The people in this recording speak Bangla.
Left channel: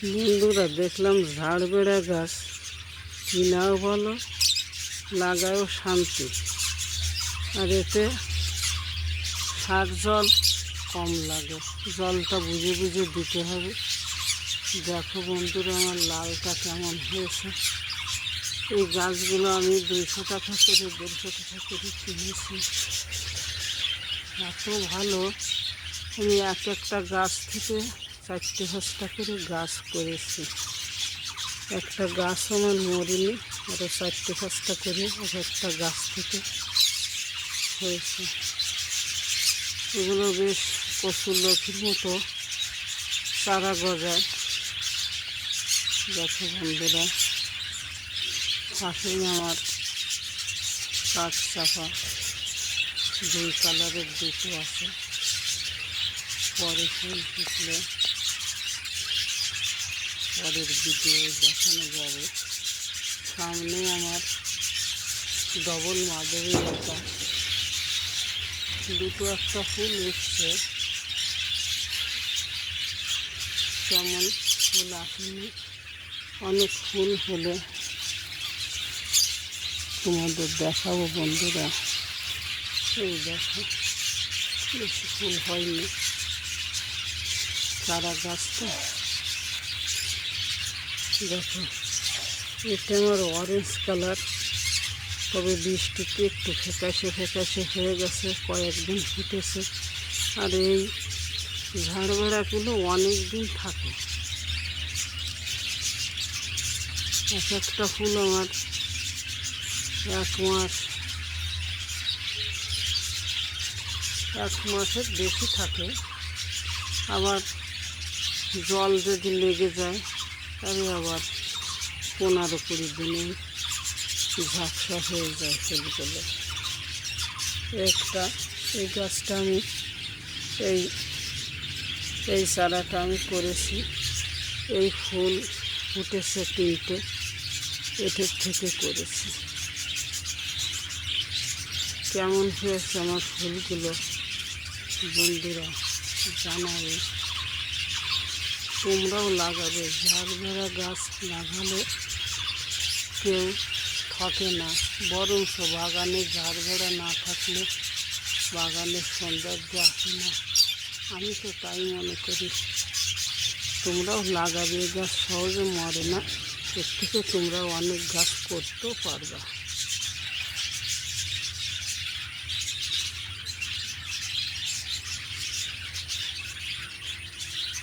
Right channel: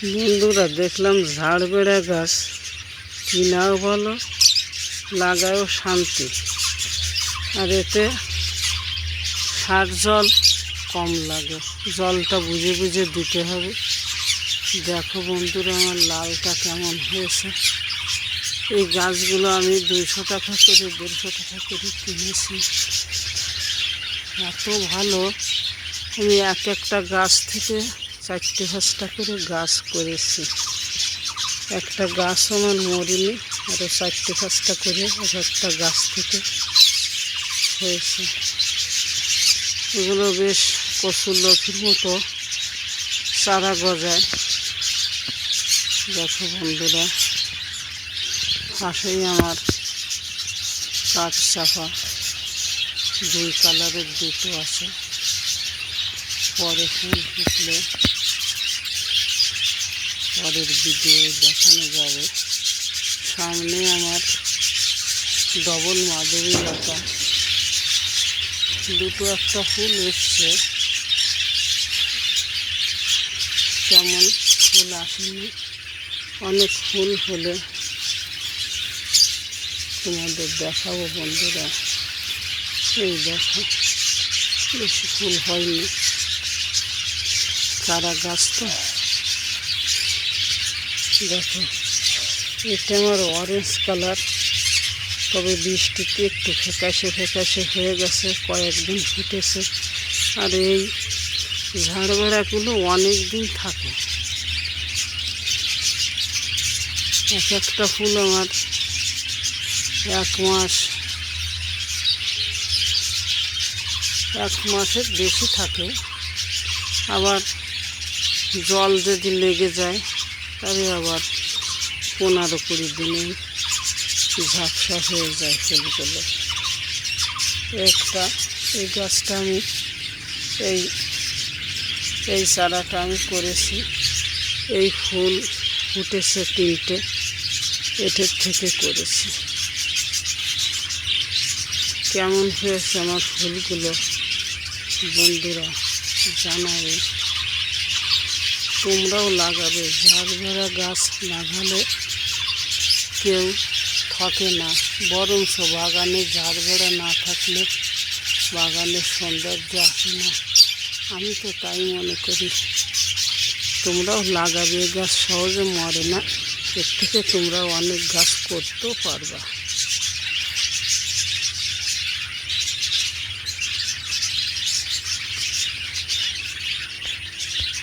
বন্ধুরা, দেখলাম ঝাড়বেড়া গাছ কিনাও ভালো, লাগায়ও শান্তি, আর এতে সার জল কম লাগে। জলটা বুঝে বুঝে দিতে হবে। দেখো বন্ধুরা, আমার লালটা কেমন হয়েছে। এই গাছগুলো আমি 200 টাকা করে 150 টাকা করে কিনেছি। এত ভালো। আমি একটা গাছ থেকে 4-5টা করে গাছ করেছি। একটা গাছ আমার মরিনি, আরও 4-5টা করে একটা গাছ থেকে হয়েছে। এগুলো বেশ কচুর লতির মতো চারা গজায়। দেখো বন্ধুরা, পাশেই আমার কাঠ চাপা 2 কালারের দুটো আছে। পরে ফুল ফুটলে পরের ভিডিও দেখানো যাবে। সামনে আমার ডবল মাধবী লতা, দুটো একটা ফুল এসছে, তেমন ফুল আসেনি। অনেক ফুল হলে তোমাদের দেখাবো বন্ধুরা। এই দেখো, বেশি ফুল হয়নি, চারা গাছ তো। দেখো, এটা আমার অরেঞ্জ কালার, তবে বৃষ্টিতে একটু ফ্যাকাশে ফ্যাকাশে হয়ে গেছে, কয়েকদিন ফুটেছে। আর এই ঝাড়বেড়াগুলো অনেক দিন থাকে। একটা ফুল আমার 1 মাসের বেশি থাকে। আবার জল যদি লেগে যায় তবে আবার 15-20 দিনে ঝাপসা হয়ে যায় ফুলগুলো। এই গাছটা আমি এই চারাটা আমি করেছি। এই ফুল ফুটেছে 3টে, এটার থেকে করেছি। কেমন হয়েছে আমার ফুলগুলো বন্ধুরা জানাবে। তোমরাও লাগাবে। ঝাড়বেড়া গাছ লাগালে কেউ থাকে না, বরঞ্চ বাগানে ঝাড়বেড়া না থাকলে বাগানের সৌন্দর্য আসে না। আমি তো তাই মনে করি। তোমরাও লাগাবে। গাছ সহজে মরে না, এর থেকে তোমরা অনেক গাছ করতেও পারবা।